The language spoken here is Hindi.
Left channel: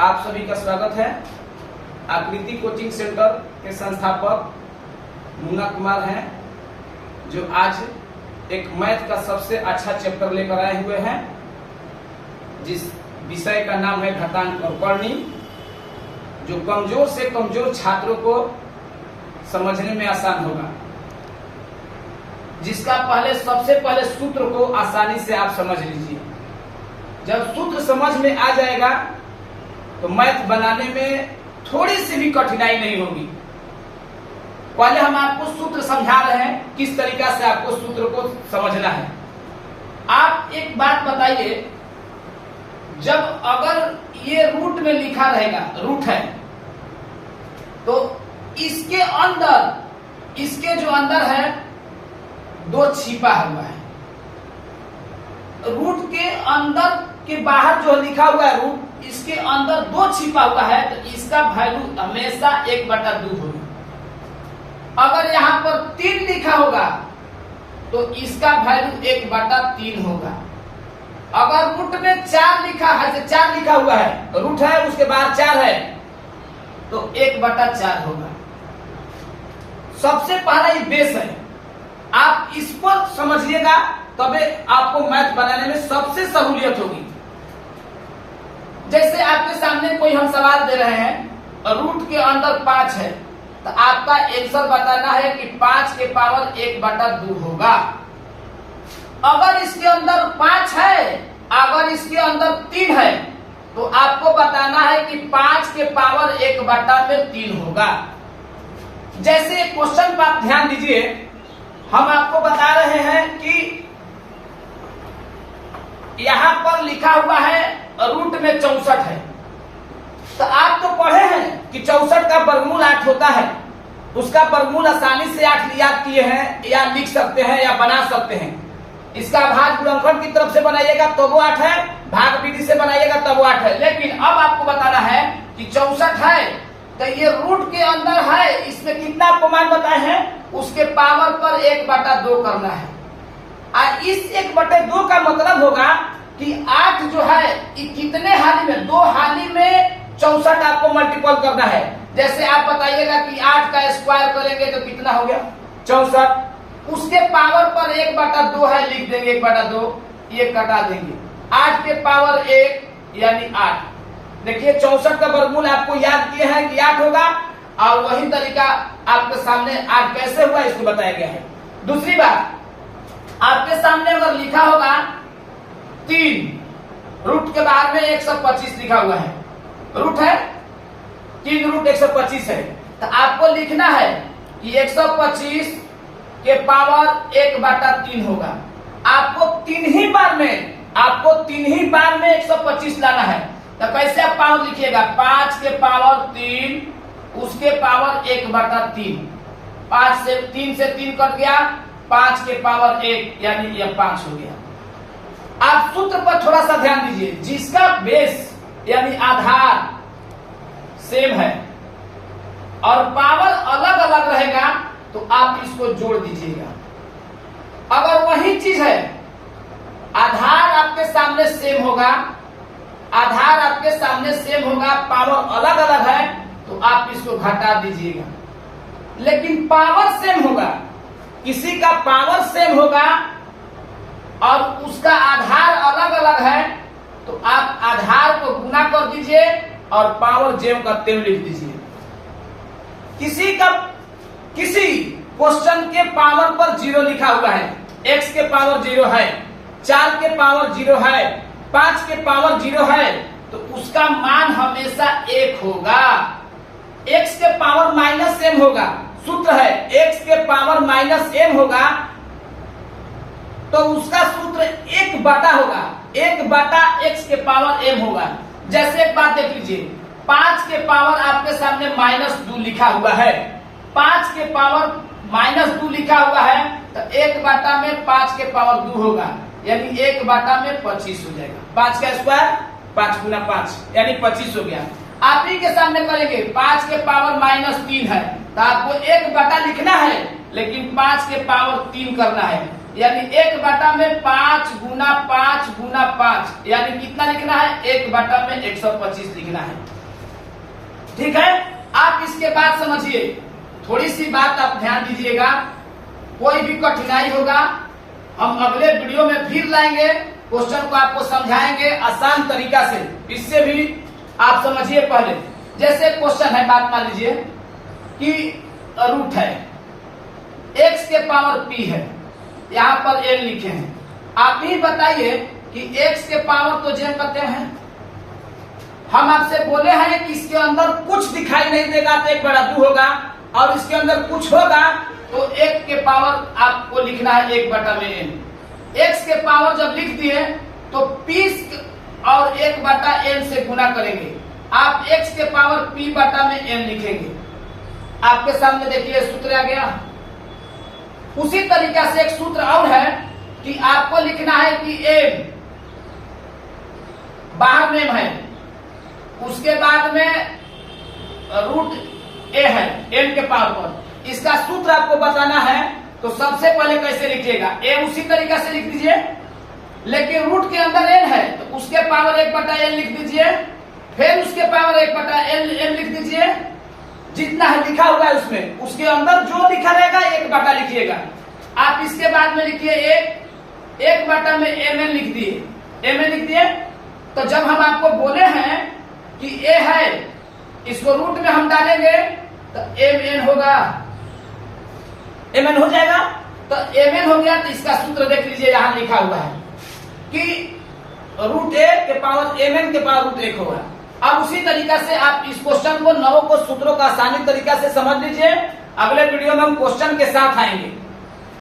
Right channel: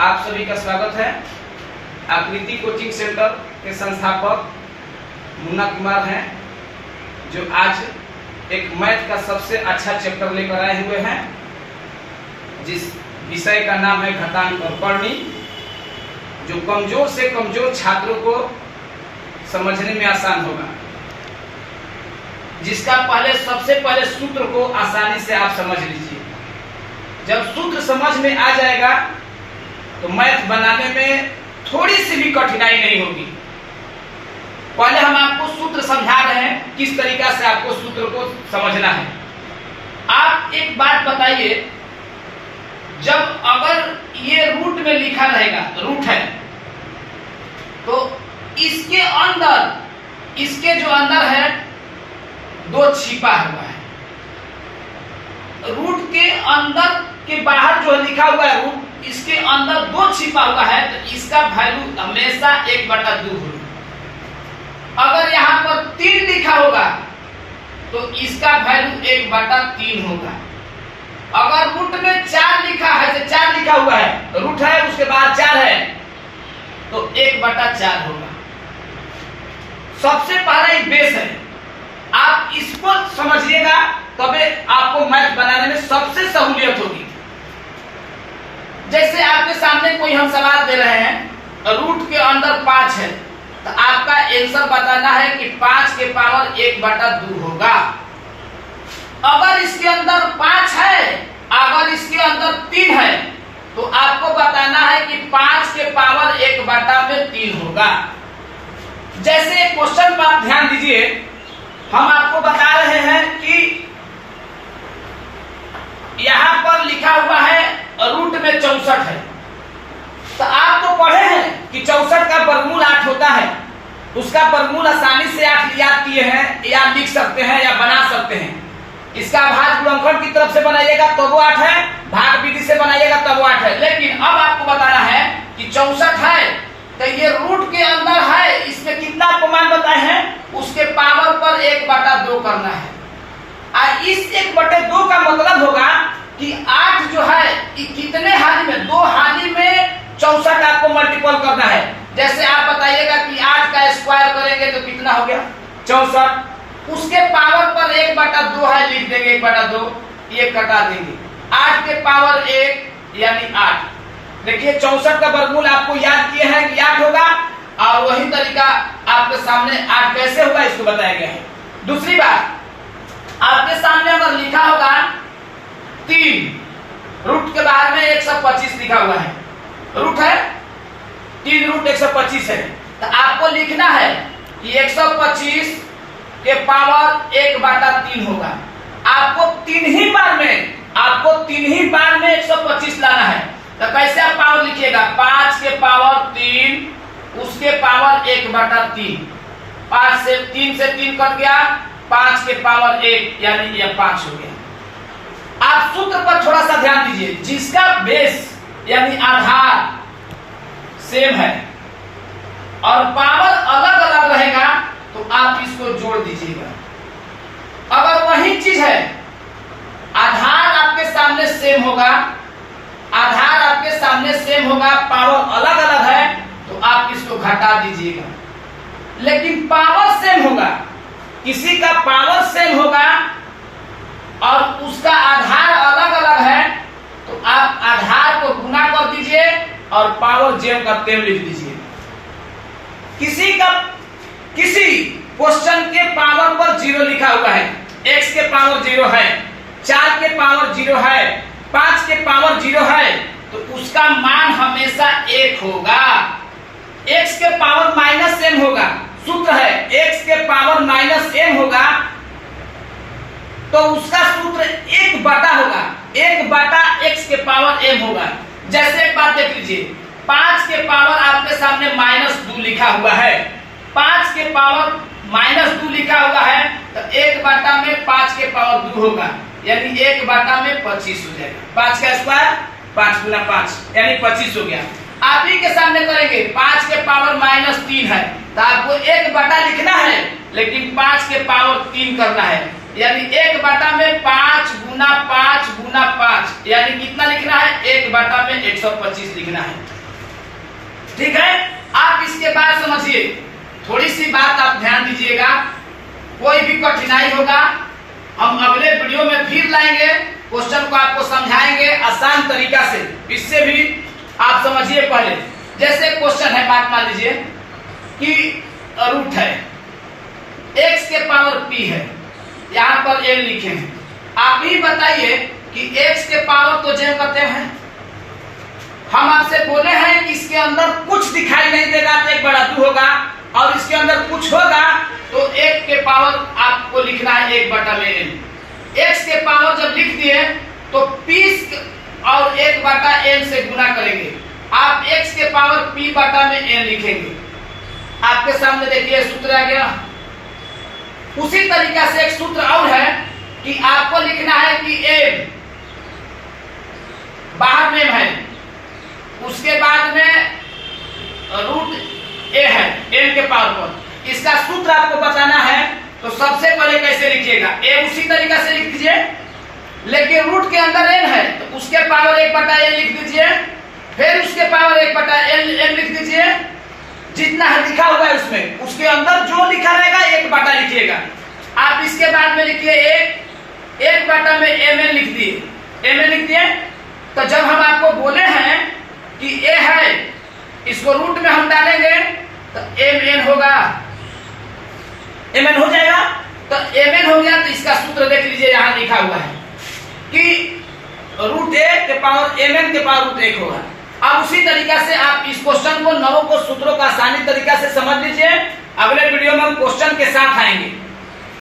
आप सभी का स्वागत है। आकृति कोचिंग सेंटर के संस्थापक मुन्ना कुमार हैं, जो आज एक मैथ का सबसे अच्छा चैप्टर लेकर आए हुए हैं, जिस विषय का नाम है घातांक और करनी, जो कमजोर से कमजोर छात्रों को समझने में आसान होगा, जिसका सबसे पहले सूत्र को आसानी से आप समझ लीजिए। जब सूत्र समझ में आ जाएगा तो मैथ बनाने में थोड़ी सी भी कठिनाई नहीं होगी। पहले हम आपको सूत्र समझा रहे हैं, किस तरीका से आपको सूत्र को समझना है। आप एक बात बताइए, जब अगर ये रूट में लिखा रहेगा, रूट है, तो इसके जो अंदर है दो छिपा हुआ है। रूट के अंदर के बाहर जो लिखा हुआ है रूट, इसके अंदर दो छिपा हुआ है, तो इसका वैल्यू हमेशा 1/2 होगा। अगर यहाँ पर 3 लिखा होगा तो इसका वैल्यू 1/3 होगा। अगर रूट में 4 लिखा है, 4 लिखा हुआ है, रूट है उसके बाहर 4 है, तो 1/4 होगा। सबसे पहला ये बेस है, आप इसको समझिएगा तबे आपको मैथ बनाने में सबसे सहूलियत होगी। जैसे आपके सामने कोई हम सवाल दे रहे हैं, रूट के अंदर 5 है, तो आपका आंसर बताना है कि 5 के पावर 1/2 होगा। अगर इसके अंदर 5 है, अगर इसके अंदर 3 है, तो आपको बताना है कि 5 के पावर 1/3 होगा। जैसे क्वेश्चन पर आप ध्यान दीजिए, हम आपको बता रहे हैं कि यहां पर लिखा हुआ है रूट में 64 है, तो आप तो पढ़े हैं कि 64 का वर्गमूल 8 होता है। उसका वर्गमूल आसानी से 8 याद किए हैं, या लिख सकते हैं या बना सकते हैं। इसका भाग गुणनखंड की तरफ से बनाइएगा तो वो 8 है, भाग विधि से बनाइएगा तब वो 8 है। लेकिन अब आपको बताना है कि 64 है, तो ये रूट के अंदर है, इसमें कितना आपको मान बताए हैं, उसके पावर पर 1/2 करना है। और इस 1/2 का मतलब होगा कि 8 जो है कितने हाली में, 2 हाली में 64 आपको मल्टीपल करना है। जैसे आप बताइएगा कि 8 का स्क्वायर करेंगे तो कितना हो गया, 64। उसके पावर पर 1/2 है, लिख देंगे 1/2, ये कटा देंगे, 8 के पावर 1 यानी 8। देखिए 64 का वर्गमूल आपको याद किए हैं कि 8 होगा, और वही तरीका आपके सामने 8 कैसे हुआ इसको बताया गया है। दूसरी बात, आपके सामने अगर लिखा होगा 3, रूट के बाहर में 125 लिखा हुआ है, रूट है 3, रूट 125 है, तो आपको लिखना है कि 125 के पावर 1/3 होगा। आपको 3 ही बार में 125 लाना है। तो कैसे आप पावर लिखिएगा, 5 के पावर 3, उसके पावर 1/3, 5 से 3 से 3 कट गया, 5 के पावर 1 यानी यह 5 हो गया। आप सूत्र पर थोड़ा सा ध्यान दीजिए, जिसका बेस यानी आधार सेम है और पावर अलग अलग रहेगा, तो आप इसको जोड़ दीजिएगा। अगर वही चीज है, आधार आपके सामने सेम होगा, पावर अलग अलग है, तो आप इसको घटा दीजिएगा। लेकिन पावर सेम होगा, किसी का पावर सेम होगा और उसका आधार अलग अलग है, तो आप आधार को गुना कर दीजिए और पावर जेम का तेम लिख दीजिए। किसी क्वेश्चन के पावर पर 0 लिखा हुआ है, x के पावर 0 है, 4 के पावर 0 है, 5 के पावर 0 है, तो उसका मान हमेशा 1 होगा। x के पावर -m होगा, सूत्र है x के पावर -m होगा, तो उसका सूत्र 1/, होगा 1/x के पावर m होगा। जैसे एक बात देख लीजिए, 5 के पावर आपके सामने -2 लिखा हुआ है, 5 के पावर -2 लिखा हुआ है, तो 1/, में 5 के पावर 2 होगा, यानी 1/, में 25 हो जाएगा। 5 का स्क्वायर 5 × 5 यानी 25 हो गया। आप ही के सामने करेंगे, 5 के पावर -3 है, तो आपको 1/, लिखना है, लेकिन 5 के पावर 3 करना है, यानी 1/5 गुना 5 गुना 5 यानी कितना लिखना है 1/125 लिखना है। ठीक है, आप इसके बाद समझिए, थोड़ी सी बात आप ध्यान दीजिएगा, कोई भी कठिनाई होगा हम अगले वीडियो में फिर लाएंगे, क्वेश्चन को आपको समझाएंगे आसान तरीका से, इससे भी आप समझिए। पहले जैसे क्वेश्चन है, बात मान लीजिए कि रूट है, x के पावर p है, यहाँ पर n लिखे हैं, आप ही बताइए कि x के पावर तो j करते हैं, हम आपसे बोले हैं कि इसके अंदर कुछ दिखाई नहीं देगा तो 1/2 होगा, और इसके अंदर कुछ होगा तो 1 के पावर आपको लिखना है 1/n। x के पावर जब लिख दिए तो p और 1/n से गुना करेंगे, आप x के पावर p/n लिखेंगे। आपके सामने देखिए सूत्र आ गया। उसी तरीका से एक सूत्र और है कि आपको लिखना है कि m बाहर में है, उसके बाद में रूट a है n के पावर पर, इसका सूत्र आपको बताना है। तो सबसे पहले कैसे लिखिएगा, a उसी तरीका से लिख दीजिए, लेकिन रूट के अंदर n है तो उसके पावर 1/n लिख दीजिए, फिर उसके पावर 1/n लिख दीजिए, जितना है लिखा हुआ है उसमें, उसके अंदर जो लिखा रहेगा 1 लिखिएगा। आप इसके बाद में लिखिए 1 mn लिख दिए, mn लिख दिए। तो जब हम आपको बोले हैं कि a है, इसको रूट में हम डालेंगे तो mn होगा, mn हो जाएगा। तो mn हो गया तो इसका सूत्र देख लीजिए, यहाँ लिखा हुआ है कि रूट a के पावर mn के पावर रूट 1 होगा। अब उसी तरीका से आप इस क्वेश्चन को, नवों को सूत्रों का आसानी तरीका से समझ लीजिए। अगले वीडियो में हम क्वेश्चन के साथ आएंगे।